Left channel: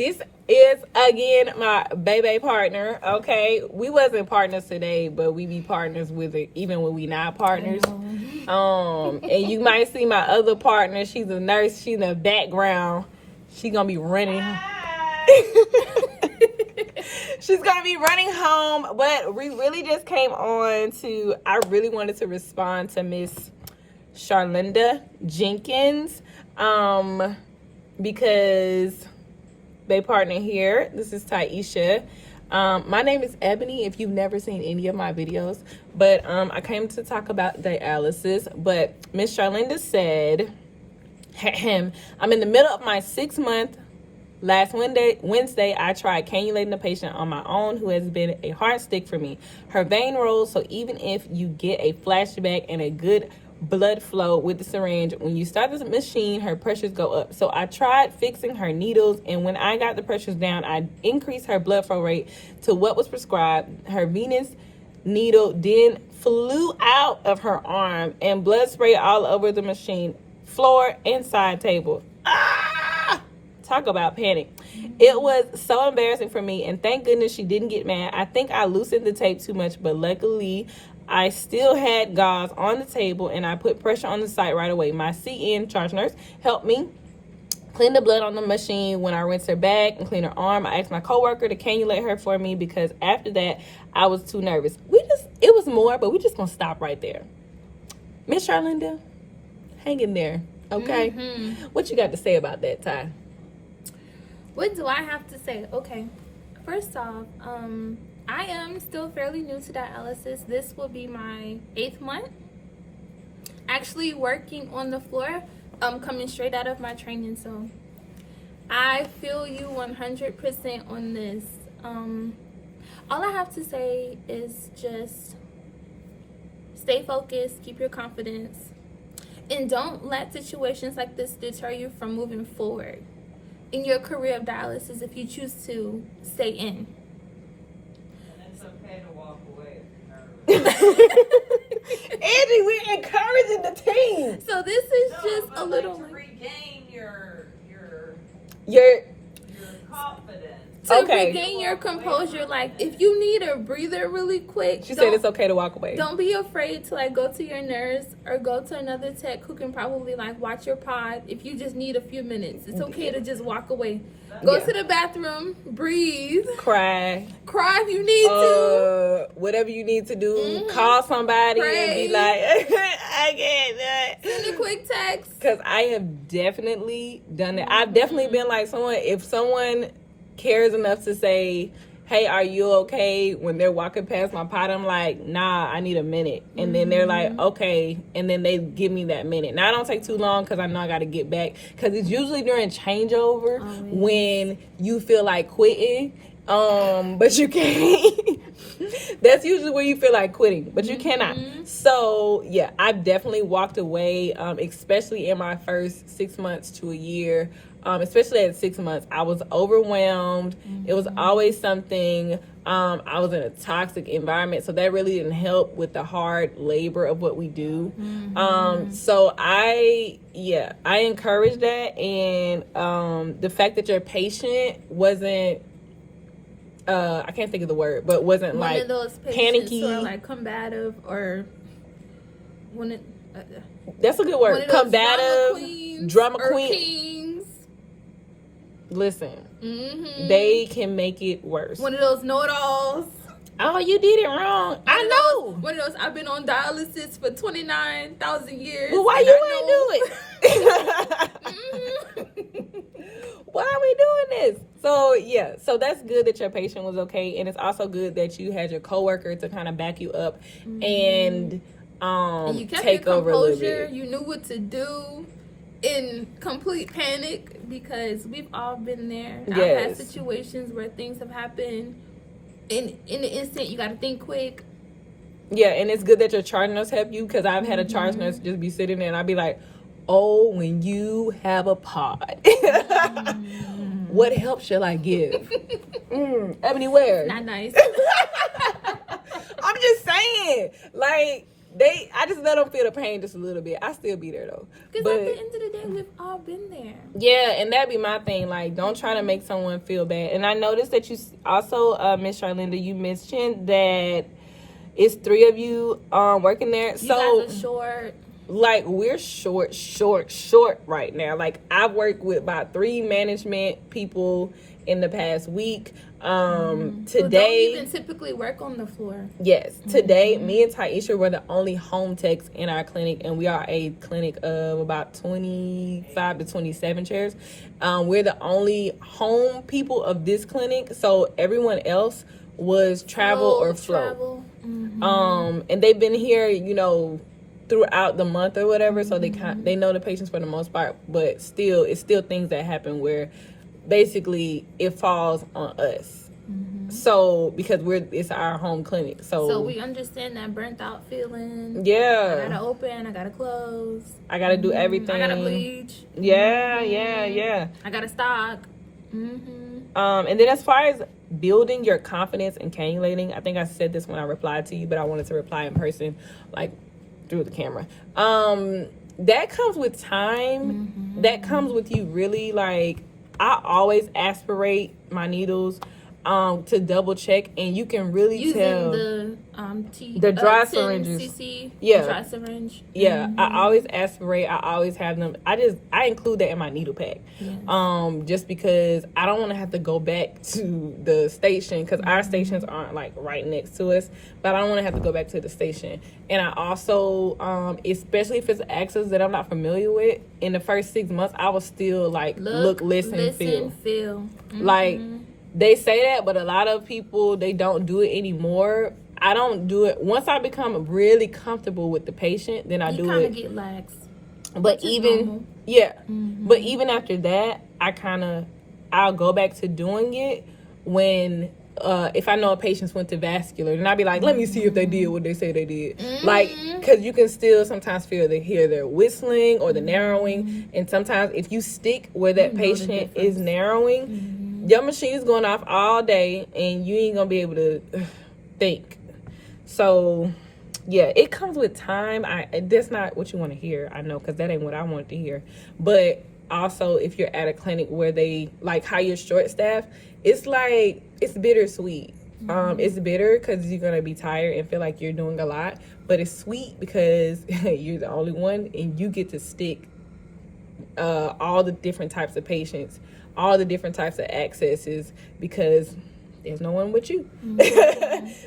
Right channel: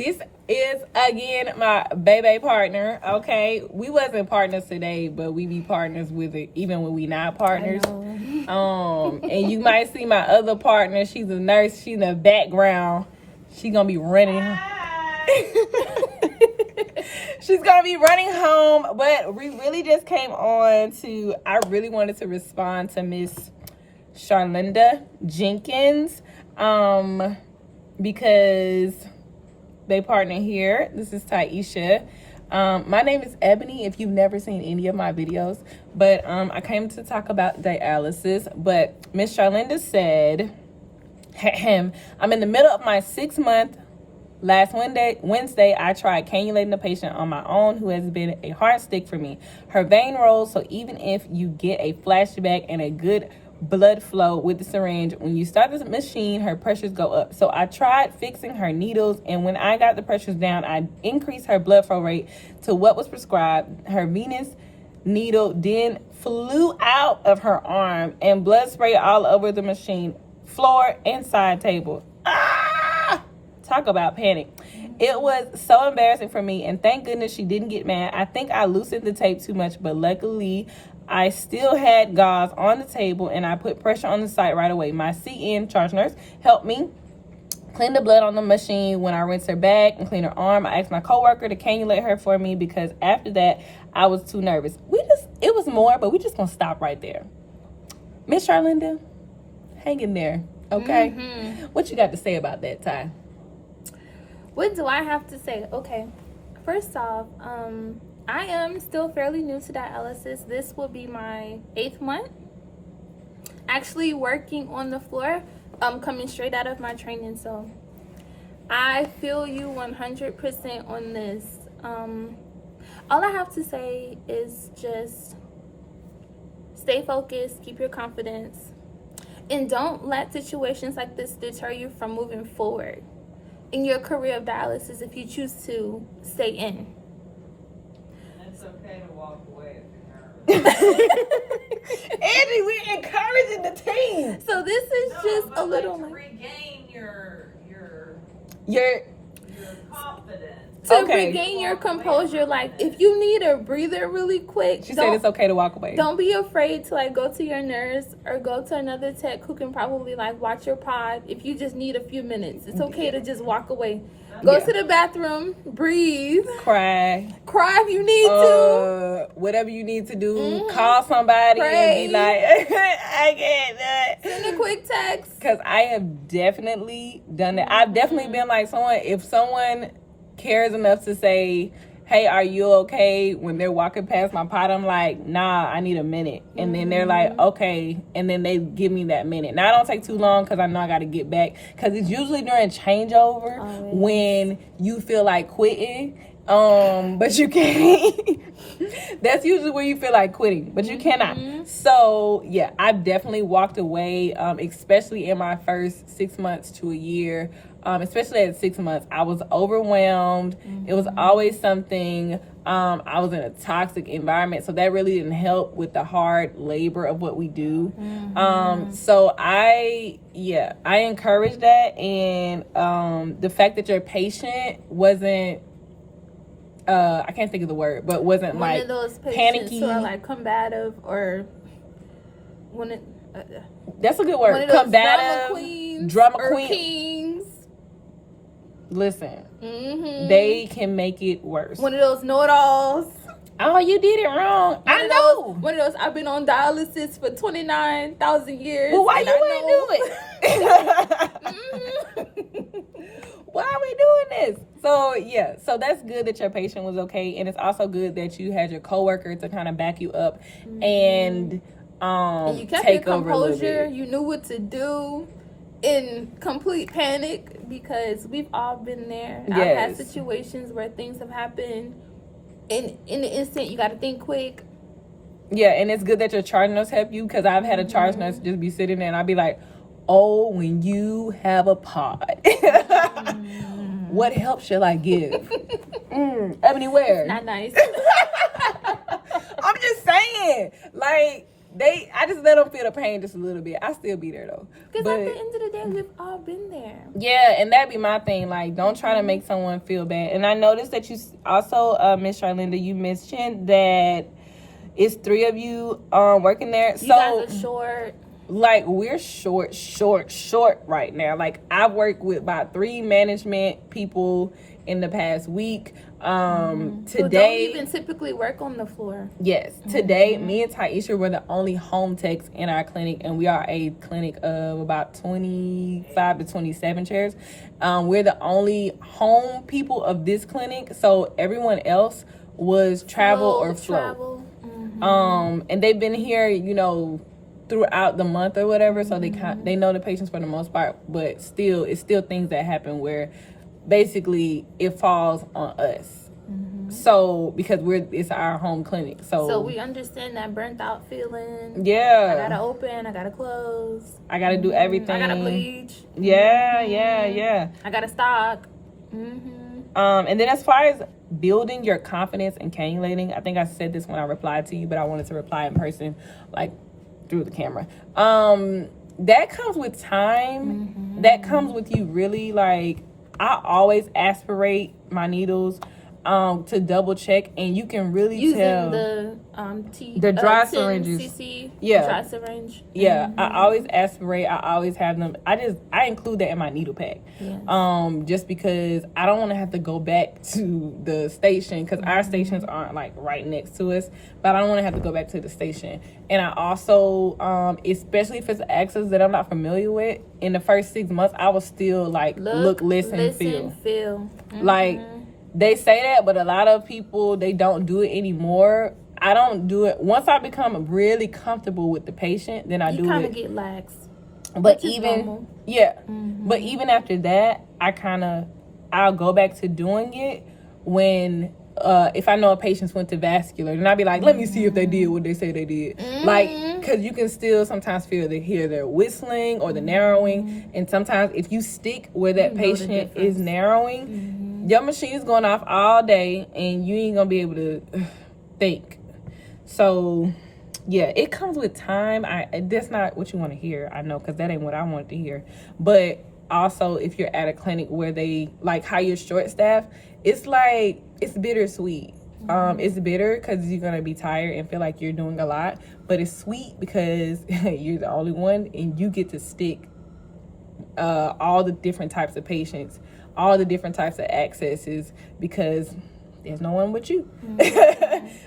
This is again my baby partner. Okay, we wasn't partners today, but we be partners with it even when we not partners. And you might see my other partner. She's a nurse. She's in the background. She's gonna be running. She's gonna be running home. But we really just came on to. I really wanted to respond to Miss Charlinda Jenkins, because they partner here. This is Tyeisha. My name is Ebony, if you've never seen any of my videos, but I came to talk about dialysis. But Miss Charlinda said, I'm in the middle of my 6-month. Last Wednesday, I tried cannulating a patient on my own who has been a hard stick for me. Her vein rolls, so even if you get a flashback and a good blood flow with the syringe, when you start the machine, her pressures go up. So I tried fixing her needles, and when I got the pressures down, I increased her blood flow rate to what was prescribed. Her venous needle then flew out of her arm, and blood sprayed all over the machine floor and side table. Talk about panic. It was so embarrassing for me, and thank goodness she didn't get mad. I think I loosened the tape too much, but luckily I still had gauze on the table, and I put pressure on the site right away. My CN, charge nurse, helped me clean the blood on the machine. When I rinsed her back and cleaned her arm, I asked my coworker to cannulate her for me because after that, I was too nervous. It was more, but we just gonna stop right there. Miss Charlinda, hang in there, okay? Mm-hmm. What you got to say about that, Ty? What do I have to say? Okay, first off, I am still fairly new to dialysis. This will be my 8th month. Actually working on the floor, coming straight out of my training. So I feel you 100% on this. All I have to say is just stay focused, keep your confidence, and don't let situations like this deter you from moving forward in your career of dialysis if you choose to stay in. Andy, we're encouraging the team. So this is just a little to regain your confidence. To regain your composure. Like, if you need a breather really quick, she said it's okay to walk away. Don't be afraid to go to your nurse or go to another tech who can probably watch your pod. If you just need a few minutes, it's okay to just walk away. Go to the bathroom, breathe, cry if you need to. Whatever you need to do, call somebody and be like, I can't do it. Send a quick text. Because I have definitely done that. I've definitely been like if someone cares enough to say, hey, are you okay? When they're walking past my pot, I'm like, nah, I need a minute. And then they're like, okay. And then they give me that minute. Now, I don't take too long because I know I got to get back. Because it's usually during changeover when you feel like quitting. But you can't. That's usually where you feel like quitting, but you cannot. So, yeah, I've definitely walked away, especially in my first 6 months to a year. Especially at 6 months, I was overwhelmed. It was always something. I was in a toxic environment, so that really didn't help with the hard labor of what we do. So I encourage that, and the fact that your patient wasn't, I can't think of the word, but wasn't one like of those panicky or combative, or one of that's a good word. Combative, drama queen. Listen, they can make it worse. One of those know-it-alls. Oh, you did it wrong. I know. One of those, I've been on dialysis for 29,000 years. Well, why you ain't do it? Why are we doing this? So, yeah. So, that's good that your patient was okay. And it's also good that you had your coworker to kind of back you up and you kept take your over a little bit. You knew what to do in complete panic, because we've all been there. Yes. I've had situations where things have happened in the instant. You got to think quick. Yeah, and it's good that your charge nurse helped you, because I've had a charge nurse just be sitting there and I'll be like, oh, when you have a pod, what help shall I give? Ebony, where? Not nice. I'm just saying, I just let them feel the pain just a little bit. I still be there though. Because at the end of the day, we've all been there. Yeah, and that'd be my thing. Like, don't try to make someone feel bad. And I noticed that you also, Miss Charlinda, you mentioned that it's 3 of you working there. You guys are short. Like, we're short right now. Like, I've worked with about 3 management people in the past week. Today, don't even typically work on the floor. Yes, today me and Tyeisha were the only home techs in our clinic, and we are a clinic of about 25 to 27 chairs. We're the only home people of this clinic, so everyone else was travel or float. And they've been here, you know, throughout the month or whatever, so they know the patients for the most part, but still, it's still things that happen where basically it falls on us. So because it's our home clinic, so we understand that burnt out feeling. Yeah, I gotta open, I gotta close, I gotta do everything, I gotta bleach. Yeah. I gotta stock. And then as far as building your confidence in cannulating, I think I said this when I replied to you, but I wanted to reply in person, like through the camera. That comes with time. That comes with you really, like, I always aspirate my needles to double check, and you can really tell the dry syringes. Dry syringe. I always aspirate. I always have them. I include that in my needle pack. Just because I don't want to have to go back to the station, because our stations aren't like right next to us, but I don't want to have to go back to the station. And I also, especially if it's access that I'm not familiar with, in the first 6 months, I will still like look, listen, feel. Like, they say that, but a lot of people, they don't do it anymore. I don't do it. Once I become really comfortable with the patient, then I do it. You kind of get lax. But even, but even after that, I'll go back to doing it when, if I know a patient went to vascular, then I'll be like, let me see if they did what they say they did. Like, because you can still sometimes hear their whistling or the narrowing. And sometimes if you stick where that patient is narrowing, your machine's going off all day and you ain't gonna be able to think. So yeah, it comes with time. That's not what you want to hear, I know, because that ain't what I wanted to hear. But also, if you're at a clinic where they like how you're short staffed, it's like, it's bittersweet. It's bitter because you're gonna be tired and feel like you're doing a lot, but it's sweet because you're the only one and you get to stick all the different types of patients, all the different types of accesses, because there's no one but you.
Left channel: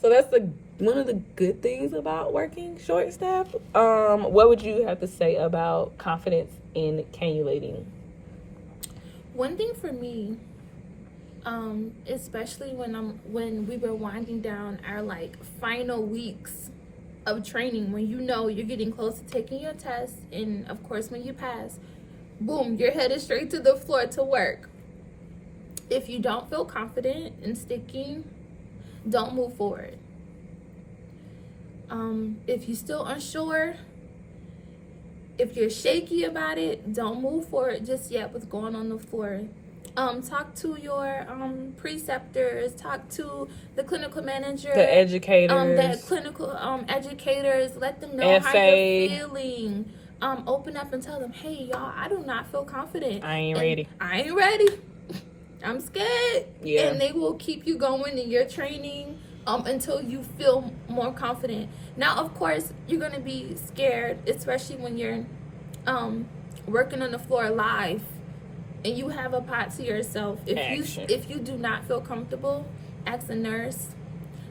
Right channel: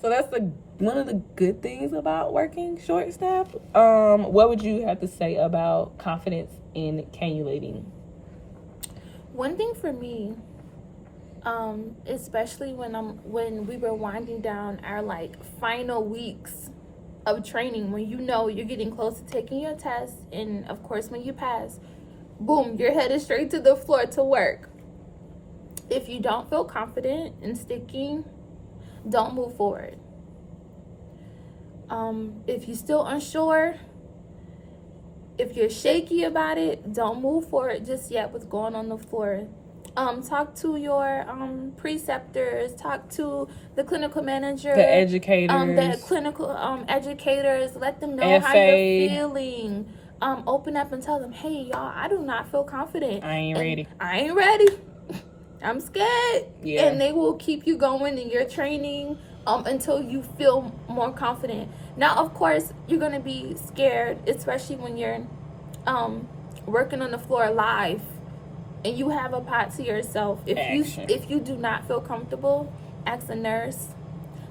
So that's one of the good things about working short staff. What would you have to say about confidence in cannulating? One thing for me, especially when we were winding down our like final weeks of training, when you know you're getting close to taking your test, and of course when you pass, boom, you're headed straight to the floor to work. If you don't feel confident in sticking, don't move forward. If you're still unsure, if you're shaky about it, don't move forward just yet with going on the floor. Talk to your preceptors, talk to the clinical manager, the educators, the clinical educators. Let them know how you're feeling. Open up and tell them, hey, y'all, I do not feel confident. I ain't ready. I'm scared. Yeah. And they will keep you going in your training until you feel more confident. Now, of course, you're going to be scared, especially when you're working on the floor live and you have a pot to yourself. If you do not feel comfortable, ask a nurse.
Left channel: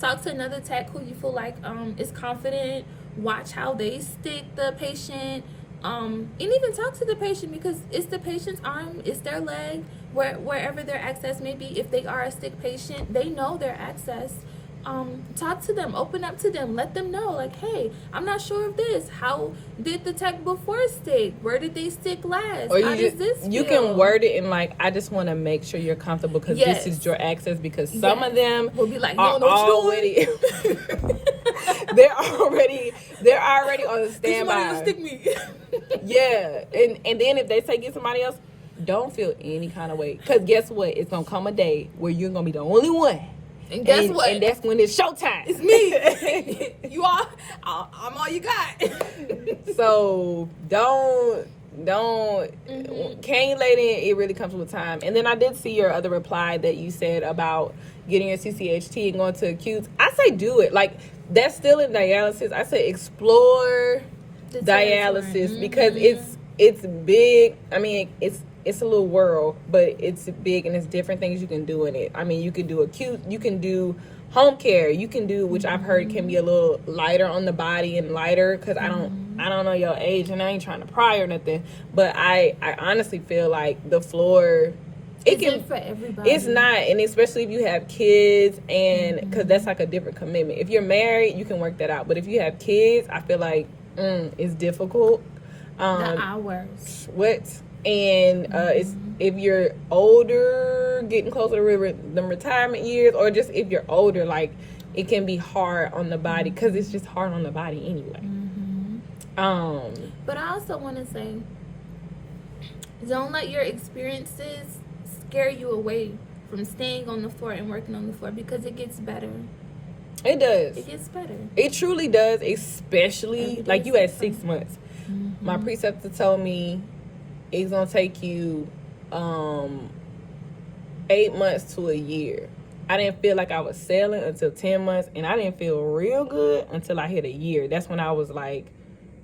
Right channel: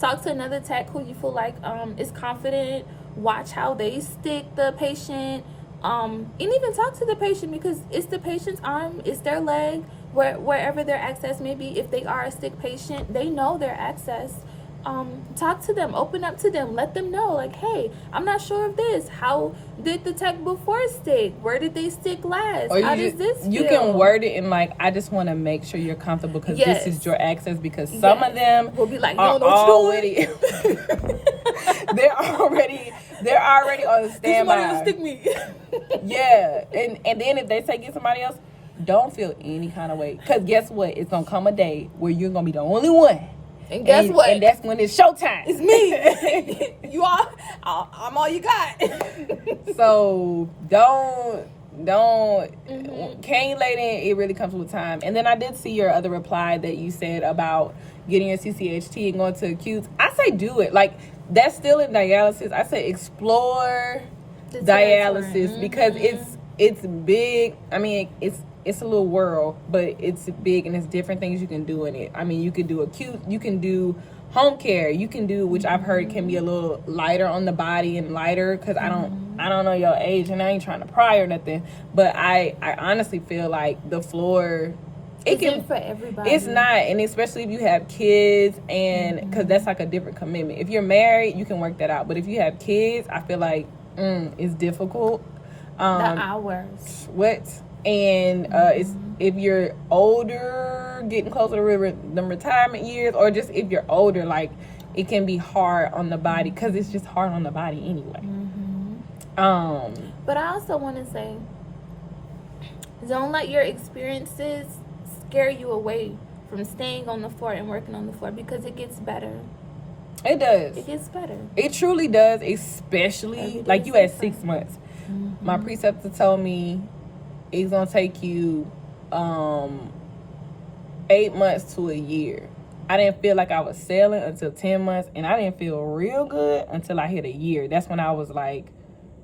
Talk to another tech who you feel like is confident. Watch how they stick the patient. And even talk to the patient, because it's the patient's arm, it's their leg, wherever their access may be. If they are a stick patient, they know their access. Talk to them, open up to them, let them know, like, hey, I'm not sure of this. How did the tech before stick? Where did they stick last? Or how does this feel? You can word it in like, I just want to make sure you're comfortable because this is your access, because some of them will be like, are already they're already on the standby. Stick me. Yeah, and then if they say get somebody else, don't feel any kind of way, because guess what? It's gonna come a day where you're gonna be the only one And guess what? And that's when it's showtime. It's me. I'm all you got. So don't cannulating, it really comes with time. And then I did see your other reply that you said about getting your CCHT and going to acutes. I say do it. Like, that's still in dialysis. I say explore dialysis because it's big. I mean, it's a little world, but it's big and it's different things you can do in it. I mean, you can do acute, you can do home care, you can do, which I've heard can be a little lighter on the body and lighter, because I don't know your age and I ain't trying to pry or nothing, but I honestly feel like the floor, it can for everybody. It's not, and especially if you have kids, and because that's like a different commitment. If you're married, you can work that out, but if you have kids, I feel like it's difficult. The hours. What? And it's if you're older, getting closer to the retirement years, or just if you're older, like, it can be hard on the body because it's just hard on the body anyway. But I also want to say, don't let your experiences scare you away from staying on the floor and working on the floor, because it gets better. It does. It gets better. It truly does, especially like you had 6 months. My preceptor told me it's gonna take you 8 months to a year. I didn't feel like I was sailing until 10 months, and I didn't feel real good until I hit a year. That's when I was like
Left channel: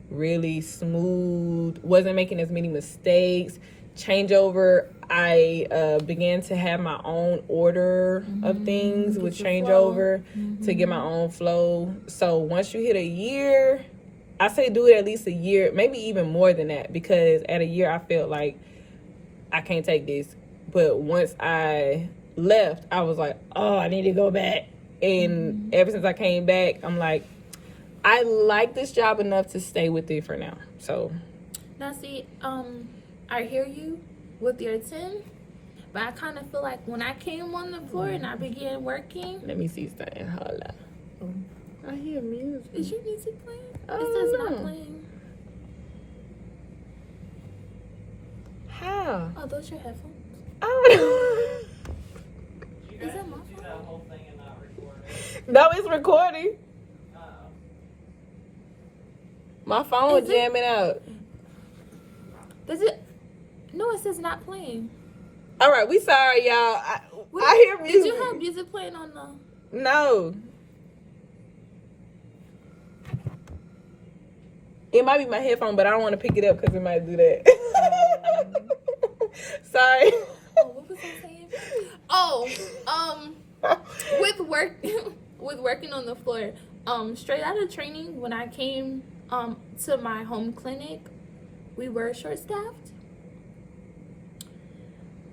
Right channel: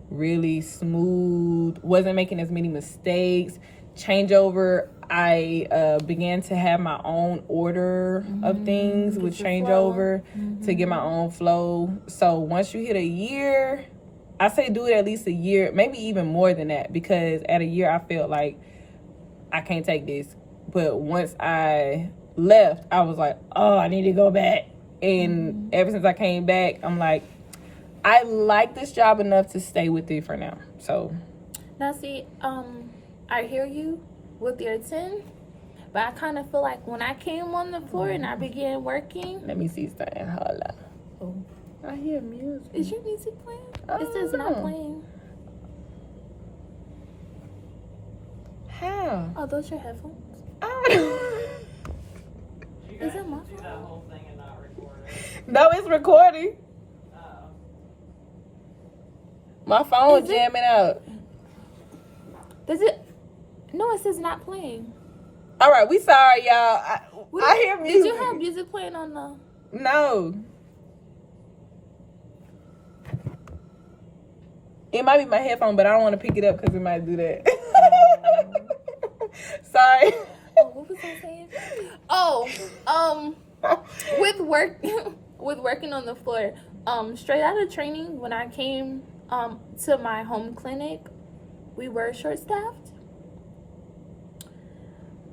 really smooth, wasn't making as many mistakes. Changeover, I began to have my own order of things with changeover to get my own flow. So once you hit a year, I say do it at least a year, maybe even more than that, because at a year I felt like I can't take this. But once I left, I was like, oh, I need to go back. And ever since I came back, I'm like, I like this job enough to stay with it for now. So now see, I hear you with your 10, but I kind of feel like when I came on the floor and I began working. Let me see something. Hold up. Oh. I hear music. Is your music playing? Oh, It says not playing. How? Oh, those your headphones? Oh. You Is guys it my just do that whole thing and not record it. No, it's recording. Uh-oh. My phone Is it? jamming out. Does it? No, it says not playing. All right, we sorry, y'all. I hear music. Did you have music playing on the? No. It might be my headphone, but I don't want to pick it up because it might do that. Sorry. Oh, what was I saying? Oh, with working on the floor, straight out of training, when I came to my home clinic, we were short-staffed.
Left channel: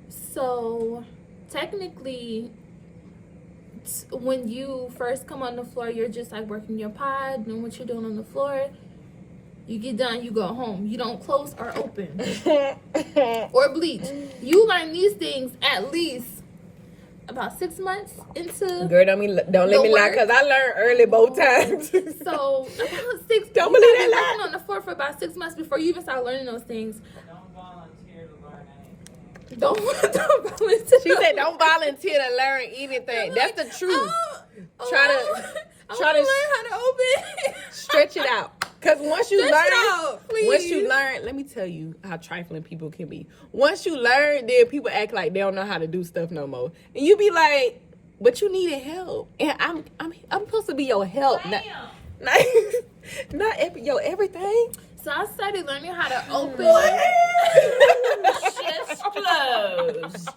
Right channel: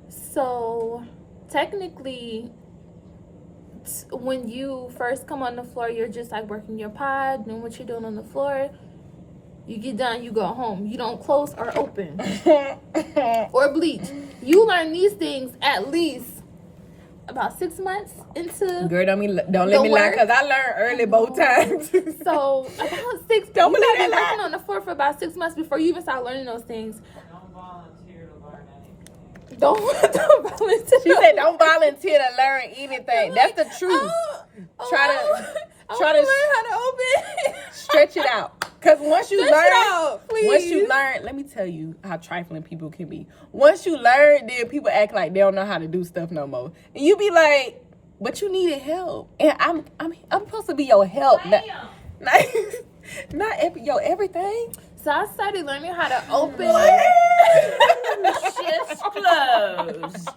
So technically, when you first come on the floor, you're just like working your pod, doing what you're doing on the floor. You get done, you go home. You don't close or open or bleach. You learn these things at least about 6 months into. Girl, don't let me lie, because I learned early both times. So about 6. Don't you believe gotta be that working on the floor for about 6 months before you even start learning those things. Don't volunteer to learn anything. Don't volunteer. She said don't volunteer to learn anything. That's the truth. Try to learn how to open. stretch it out. Because once you Stretch it learn, out, please. let me tell you how trifling people can be. Once you learn, then people act like they don't know how to do stuff no more. And you be like, but you needed help. And I'm supposed to be your help. Not your everything. So I started learning how to open. Just closed.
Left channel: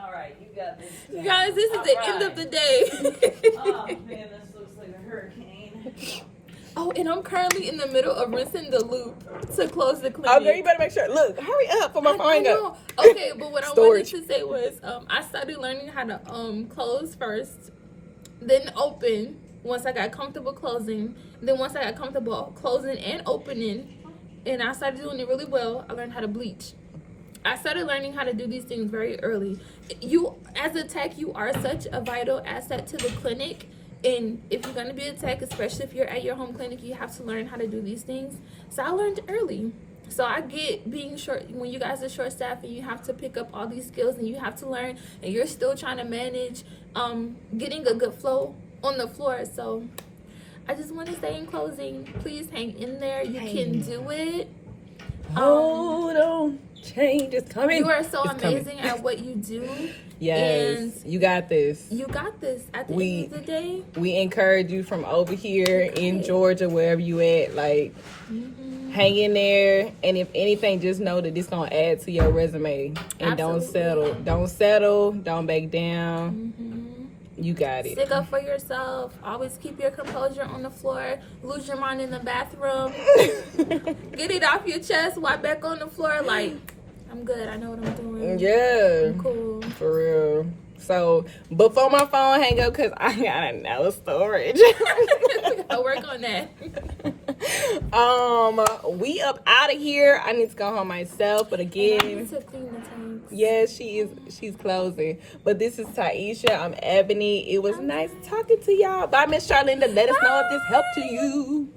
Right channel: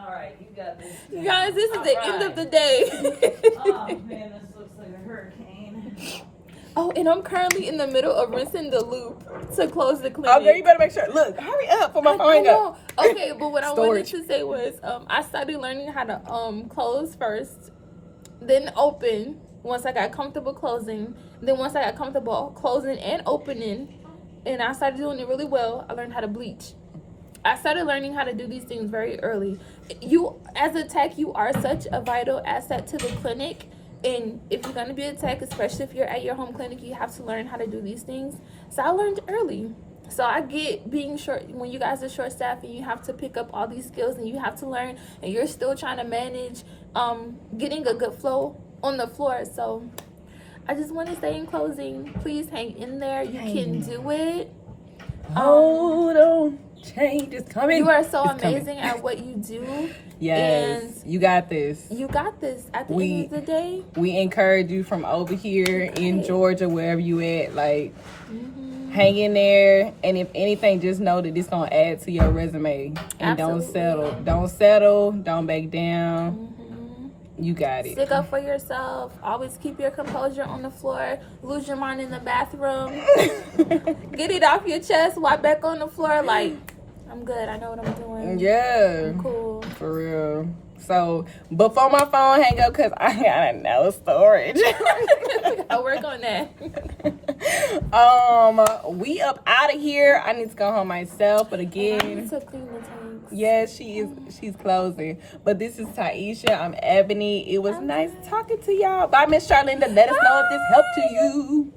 All right, you got this. Guys, this is the end of the day. Oh man, this looks like a hurricane. Oh, and I'm currently in the middle of rinsing the loop to close the clinic. Oh, girl, you better make sure. Look, hurry up for my phone go. Okay, but what I wanted Storage. to say was I started learning how to close first, then open once I got comfortable closing. Then once I got comfortable closing and opening, and I started doing it really well, I learned how to bleach. I started learning how to do these things very early. You, as a tech, you are such a vital asset to the clinic. And if you're going to be a tech, especially if you're at your home clinic, you have to learn how to do these things. So I learned early. So I get being short when you guys are short staffed and you have to pick up all these skills and you have to learn and you're still trying to manage getting a good flow on the floor. So I just want to say in closing, please hang in there. You can do it. Hold on. Change is coming. You are so It's amazing coming. at what you do. Yes, And you got this. you got this. At the We- end of the day, We encourage you from over here in Georgia, wherever you at, like, hang in there. And if anything, just know that it's going to add to your resume. And don't Absolutely. settle. Don't settle. Don't back down. You got it. stick up for yourself. Always keep your composure on the floor. Lose your mind in the bathroom. Get it off your chest. Wipe back on the floor. Like, I'm good. I know what I'm doing. Yeah. I'm cool. For real. So, before my phone hang up, because I got no storage. I'll work on that. We up out of here. I need to go home myself, but I again, need to clean the tanks. yes, she's closing. But this is Tyeisha. I'm Ebony. It was nice talking to y'all. Bye, Miss Charlinda. Let us know if this helped you.